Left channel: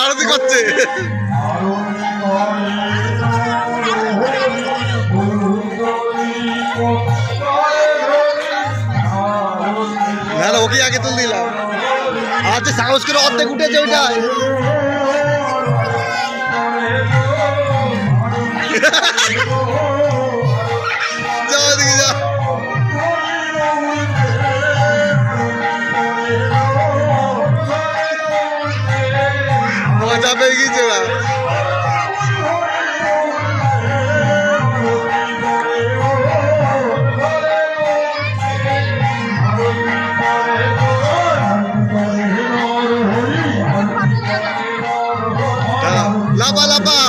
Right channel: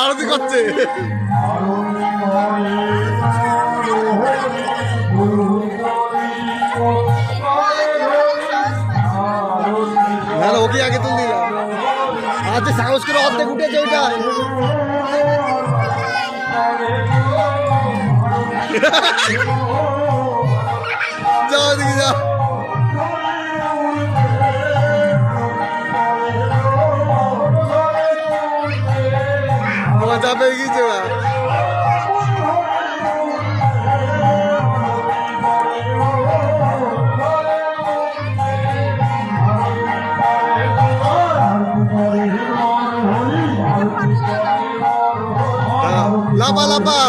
আরতি করছে। না না, ওকে আগে তুল দিলাম। আর যে সাহস করে অর্ধেক উঠেছে ওইটাই যাও ওদিকে যা পেয়ে গেছে ওরা দাঁড়াও, লাফা লাফা।